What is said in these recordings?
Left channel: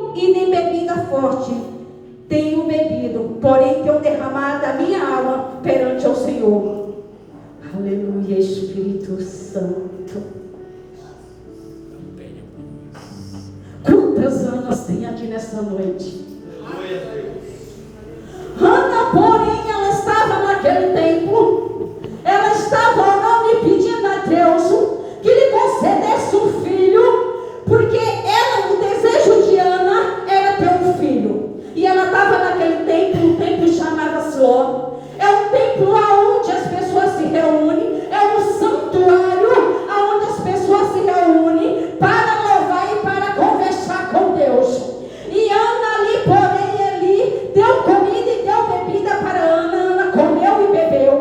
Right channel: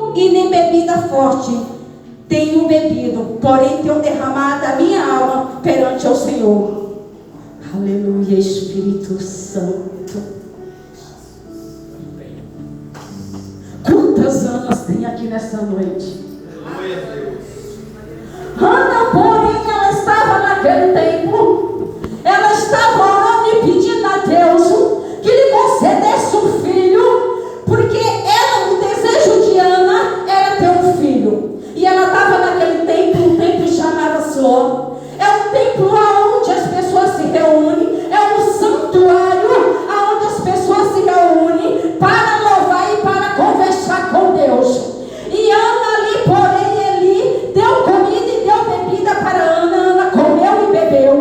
e nem bebida forte tenho bebido, porém tenho derramado a minha alma perante o Senhor. Aleluia, Espírito Santo. Quantas Anas tem aqui nessa noite? Ana, porém, ela estava naquele templo, ela estava orando e pedindo a Deus que lhe concedesse um filho, porque ela, o desejo de Ana era ter um filho. E ela estava naquele templo, um templo chamado Siló. É um templo onde as pessoas se reúnem, é um santuário onde as pessoas se reúnem para louvar e para conversar com Deus. E Ana ali, porém, ele deu comida e deu bebida para Ana. Ana comeu e bebeu.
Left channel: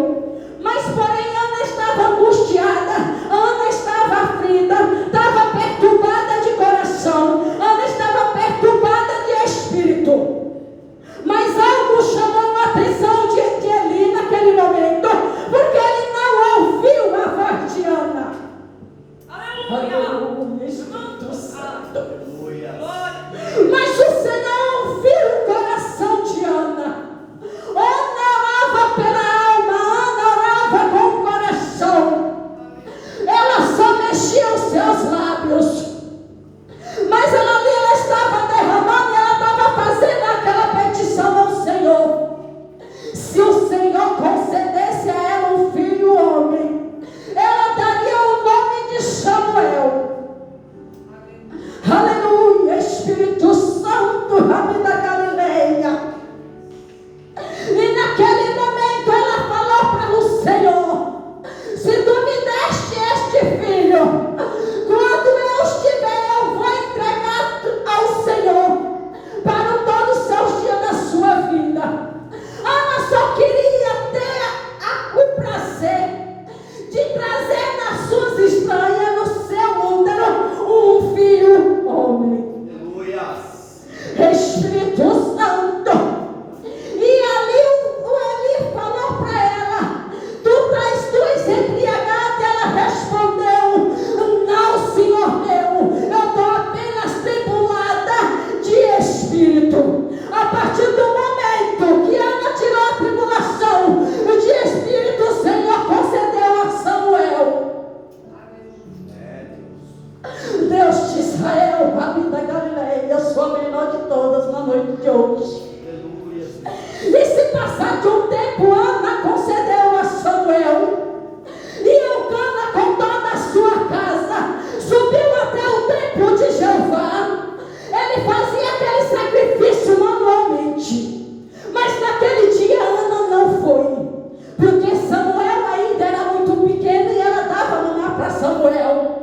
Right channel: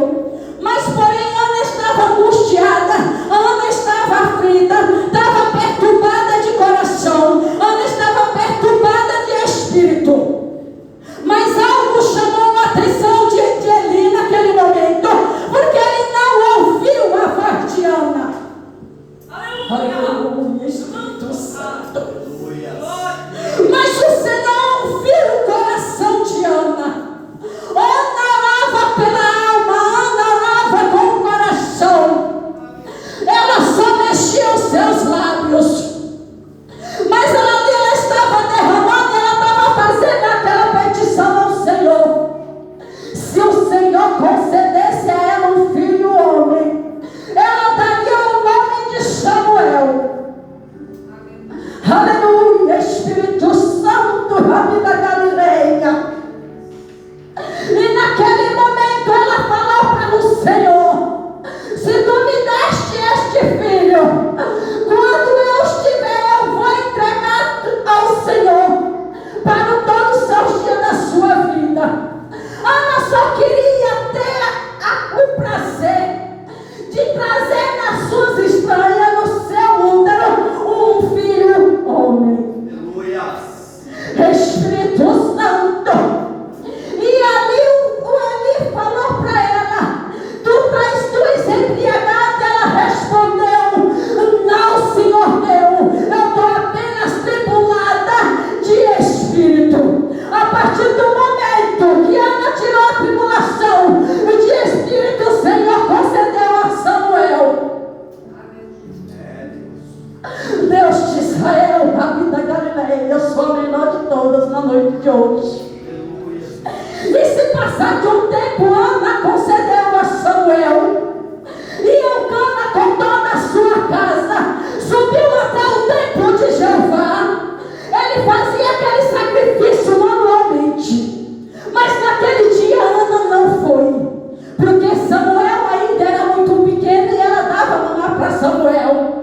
Mas, porém, Ana estava angustiada, Ana estava aflita, estava perturbada de coração, Ana estava perturbada de espírito. Mas algo chamou a atenção de Eli naquele momento, porque ele não ouviu a voz de Ana. Aleluia, Espírito Santo. Mas o Senhor ouviu o coração de Ana. Ana orava pela alma, Ana orava com o coração. Ela só mexia os seus lábios. Mas ela estava derramando, ela estava fazendo aquela petição ao Senhor. Se o Senhor concedesse a ela um filho homem, ela daria o nome de Samuel. Aleluia, Espírito Santo, Rabi da Galileia. E naquele momento ela falou para o Senhor: se tu me deste este filho, quando eu estiver, eu vou entregar ao Senhor para todos os seus dias da sua vida. Ana só queria ter o prazer de trazer nas suas entranhas, no seu útero, um filho homem. Espírito Santo. E ali o Eli falou para ela: tu estás embriagada? Ela respondeu: não, Senhor meu, eu estou apenas tribulada de espírito. A partir do momento que Ana tirou a tribulação de espírito, o Senhor concedeu a Samuel. Deus de Israel, Rabi da Galileia, eu sou a menor de todas na noite de hoje. E se passar de um tempo, Ana concedeu a Samuel. E Eucana, com toda a sua casa, subiu até o templo de Jeová. Ele fazia aquele sacrifício manualmente. Mas naquele dia Ana não foi, porque Samuel ainda era muito pequeno e ela dava mamar para Samuel.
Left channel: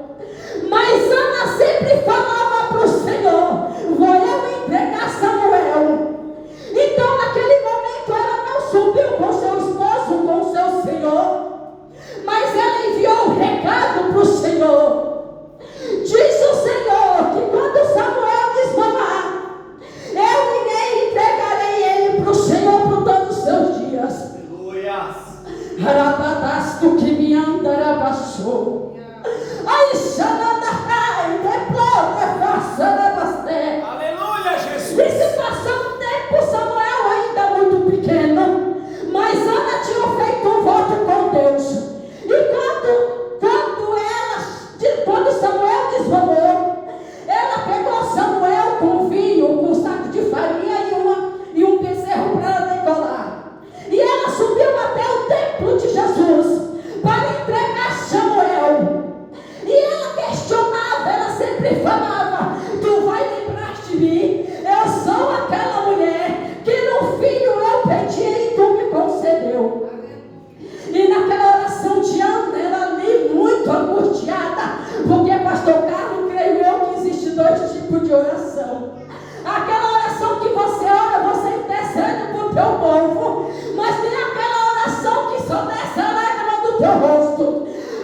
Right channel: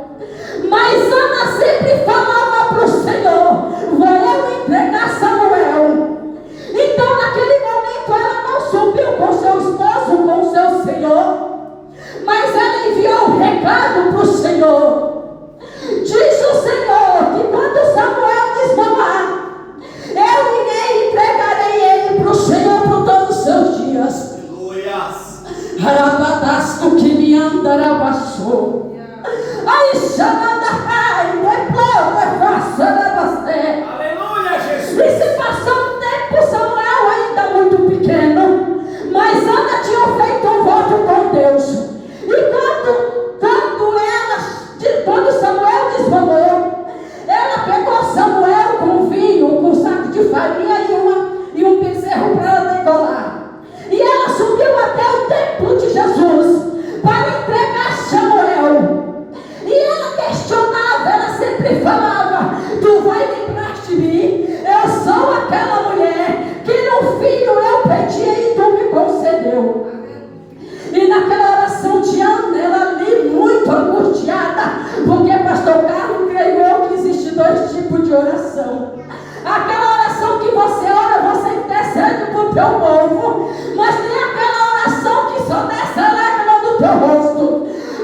Mas Ana sempre falava para o Senhor: vou eu entregar Samuel. Então naquele momento ela não subiu com seu esposo, com seu senhor, mas ela enviou um recado para o Senhor. Diz o Senhor que quando Samuel desmamar, eu entregarei ele para o Senhor por todos os seus dias. Arabadasto que me andarabaçou. Aí chamada ai, depois me faça nabasté. Aleluia, Jesus. E se passou um tempo, Samuel ainda muito pequeno, mas Ana tinha feito um voto com Deus. E quando Samuel desmamou, ela pegou Samuel com vinho, com um saco de farinha e um bezerro para ela degolar. E ela subiu até o templo de Jesus para entregar Samuel. E ela questionava, ela sempre falava: tu vai lembrar de mim? Eu sou aquela mulher que no filho eu pedi e tu me concedeu. E naquela oração de Ana, ela ali muito angustiada, porque pastor Carlos, creio eu que existe dois tipos de oração. Aquela oração que você ora, você intercede para o teu povo, mas tem aquela oração que só desce a lágrima do teu rosto.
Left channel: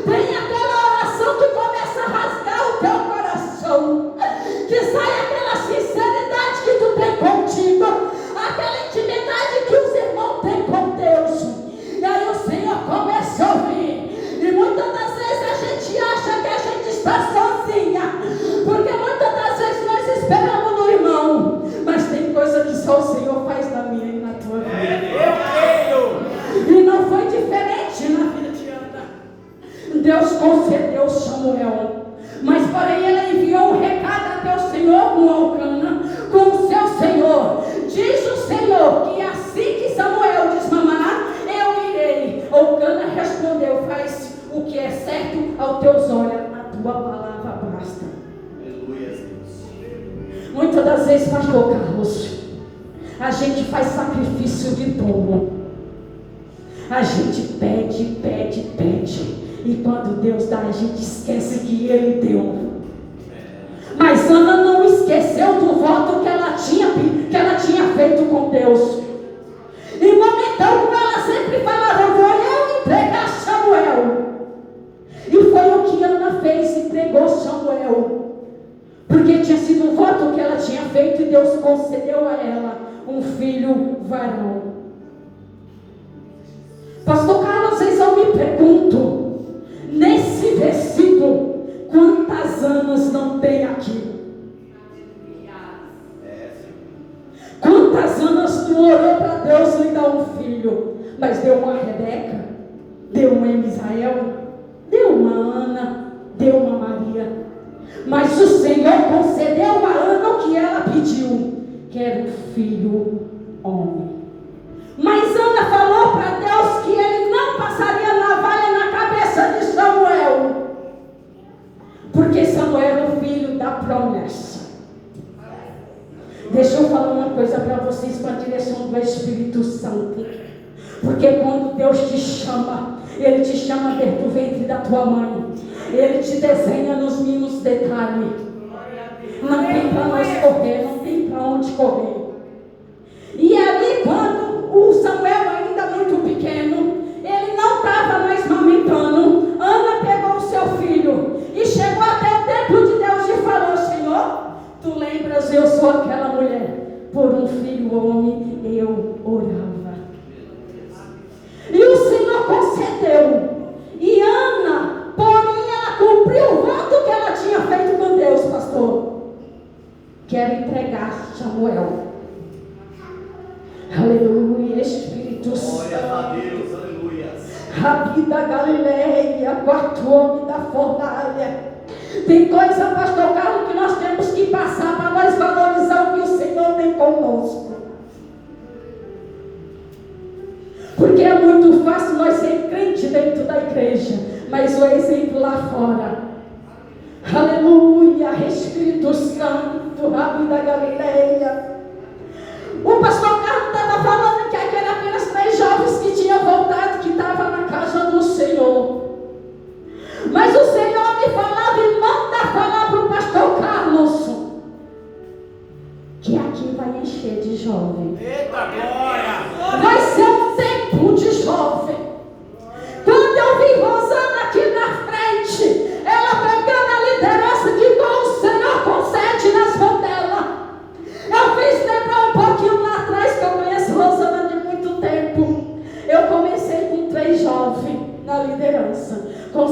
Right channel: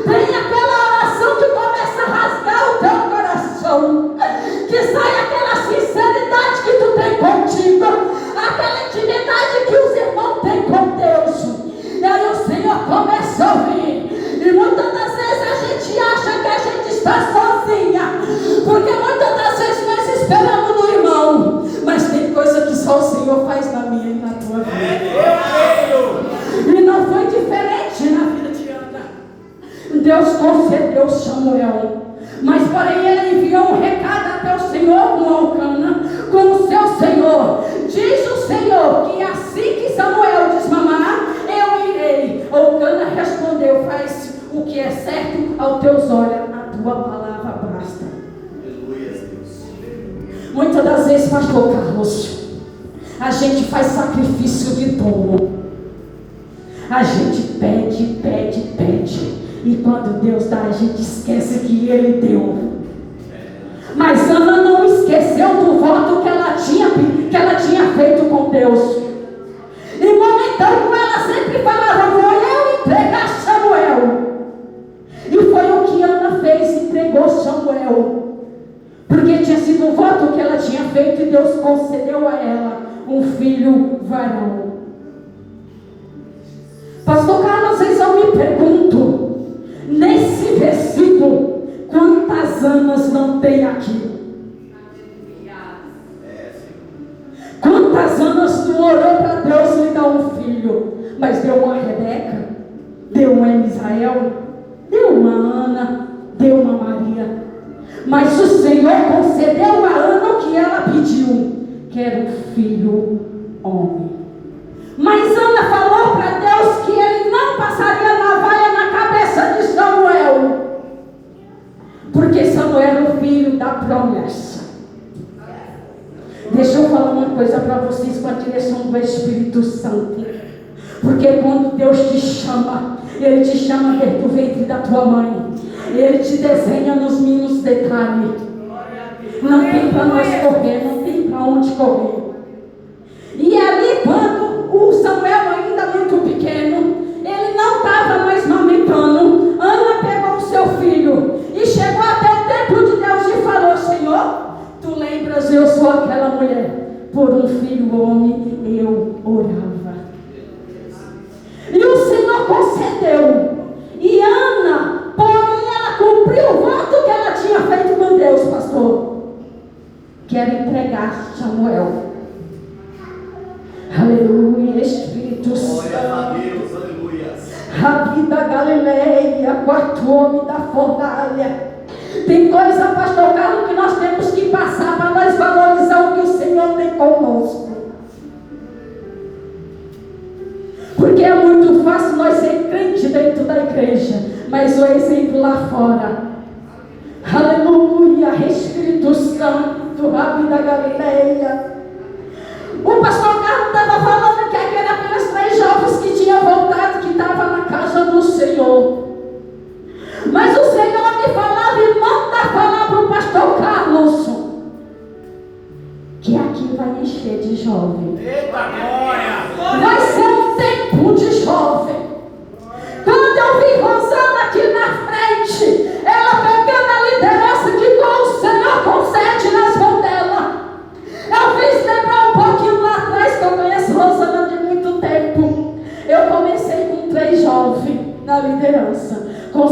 Tem aquela oração que começa a rasgar o teu coração, que sai aquela sinceridade que tu tem contigo, aquela intimidade que os irmãos têm com Deus. E aí o Senhor começa a ouvir. E muitas das vezes a gente acha que a gente está sozinha, porque muitas das vezes nós esperamos no irmão. muitas das vezes, pastor Carlos, a gente faz sacrifício de tolo. A gente pede, pede, pede. E quando Deus dá, a gente esquece que Ele deu. Mas Ana não esqueceu do voto que ela tinha feito com Deus. E momentâneo ela sempre falava: vou eu entregar Samuel. E foi o que Ana fez, entregou Samuel. Porque tinha sido um voto que ela tinha feito e Deus concedeu a ela um filho varão. Pastor Carlos, vocês eu me pergunto, nesse versículo, quantas Anas não tem aqui? Quantas Anas tu orou para Deus lhe dar um filho, mas deu uma Rebeca, deu uma Misael, deu uma Ana, deu uma Maria. Mas o Senhor concedeu a Ana o que ela pediu, que era um filho homem. Mas Ana falou para Deus que ele não passaria navalha na cabeça de Samuel, porque Samuel era o filho da promessa. Deixa eu falar uma coisa para vocês com a direção do Espírito Santo. Porque quando Deus te chama, Ele te chama desde o ventre da tua mãe. Ele te desenha nos mínimos detalhes. Não tem para nós correr, não tem para onde correr. E ali, quando o Samuel ainda muito pequeno, ele não estava mais amamentando, Ana pegou o seu filho e chegou até o templo de Deus e falou: Senhor, tu lembras, eu sou aquela mulher, por um filho homem eu orava. E o Senhor concedeu. E Ana, porém, ela cumpriu o voto que ela tinha feito com Deus, pastor. Quero entregar Samuel. Aleluia, Espírito Santo. Glória a Deus, aleluia. Rabi da Galileia, quarto homem da fornalha. Tem coisa, pastor Carlos, que nós temos que passar para nós valorizar o que o Senhor tem conosco. Porque é muito fácil nós ser crente dentro da igreja, mas o exemplo lá fora. Aleluia, Espírito Santo, Rabi da Galileia. O pastor Carlos estava falando que eram aqueles 3 jovens que tinham voltado, que estavam na casa do Senhor. Mas o Senhor me falava e manda falar para o pastor Carlos que aqui vai encher de jovem. Eita glória! Vai ser um tempo de jovem. Quando eu vi Rosana aqui na frente, ela pegando a liderança que o Senhor concede nas mãos dela, eu fiz lembrar um pouquinho lá atrás, que eu conheço Rosana de muito tempo. Eu comecei com 3 jovens na liderança. Com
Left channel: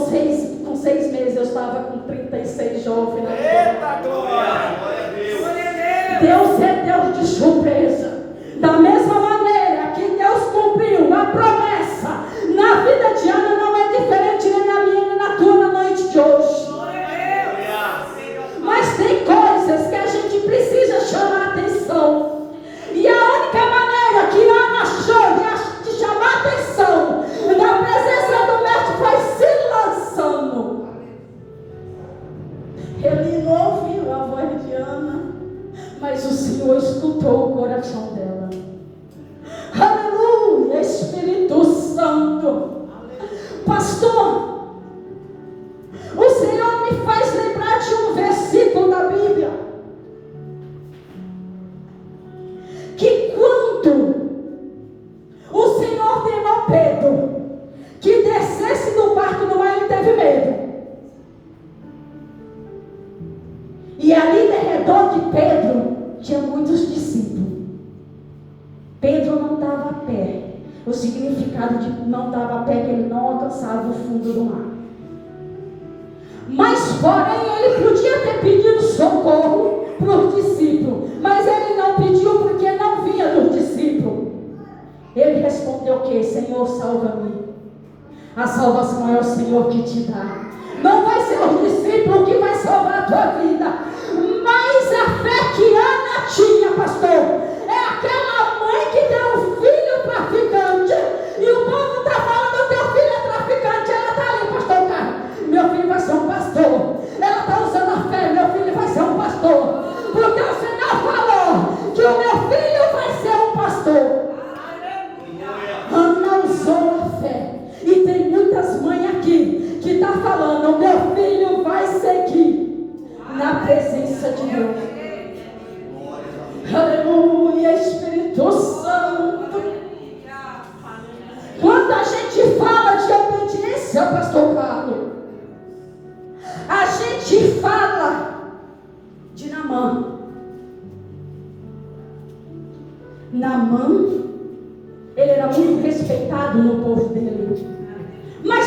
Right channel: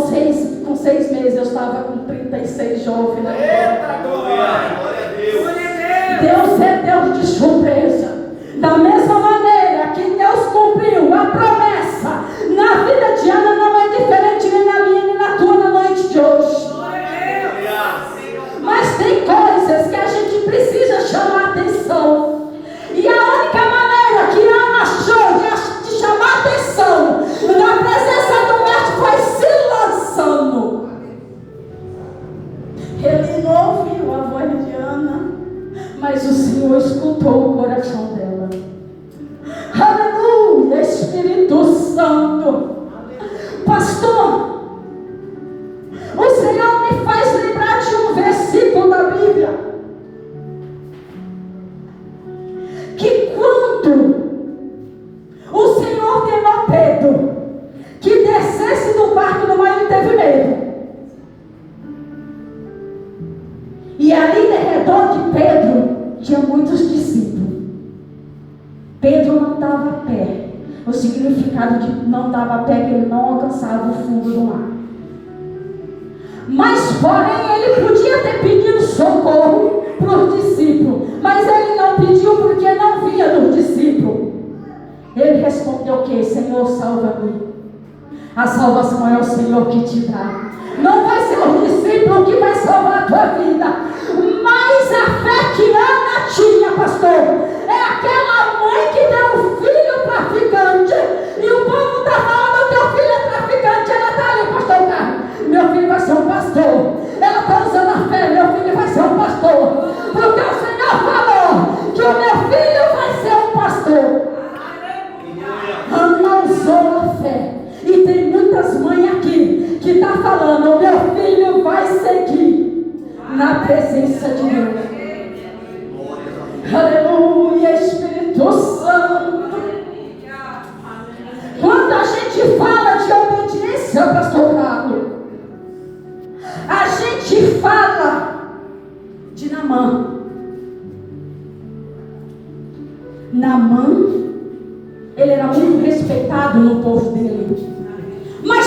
seis meses eu estava com 36 jovens na liderança. Eita glória! Glória a Deus! Deus é Deus de surpresa. Da mesma maneira que Deus cumpriu a promessa na vida de Ana, não é diferente nem na minha nem na tua na noite de hoje. Mas tem coisas que a gente precisa chamar atenção. E a única maneira que Ana achou de chamar atenção na presença do mestre foi se lançando. Ele não ouviu a voz de Ana, mas o Senhor escutou o coração dela. Aleluia, Espírito Santo. Pastor, o Senhor me faz lembrar de um versículo da Bíblia, que quando o Senhor ordenou Pedro que descesse do barco do mar, ele teve medo. E ali em redor de Pedro tinha muitos discípulos. Pedro não dava a pé. O significado de não dava a pé é que ele não alcançava o fundo do mar. Mas porém ele podia ter pedido socorro para os discípulos, mas ele não pediu porque não vinha dos discípulos. Ele respondeu o quê? Senhor, salva-me. A salvação é o Senhor que te dá. Não vai ser o discípulo que vai salvar a tua vida, mas a fé que Ana tinha, pastor, é aquela mãe que deu um filho traficante, e o povo está falando: teu filho é traficante. Ela está ali, pastor Carlos, meu filho vai ser um pastor. Ela está usando a fé, meu filho vai ser um pastor, porque o Senhor Aleluia, Espírito Santo. Quando a gente fala de obediência, pastor Carlos, a gente fala de Naamã. Naamã, ele era muito respeitado no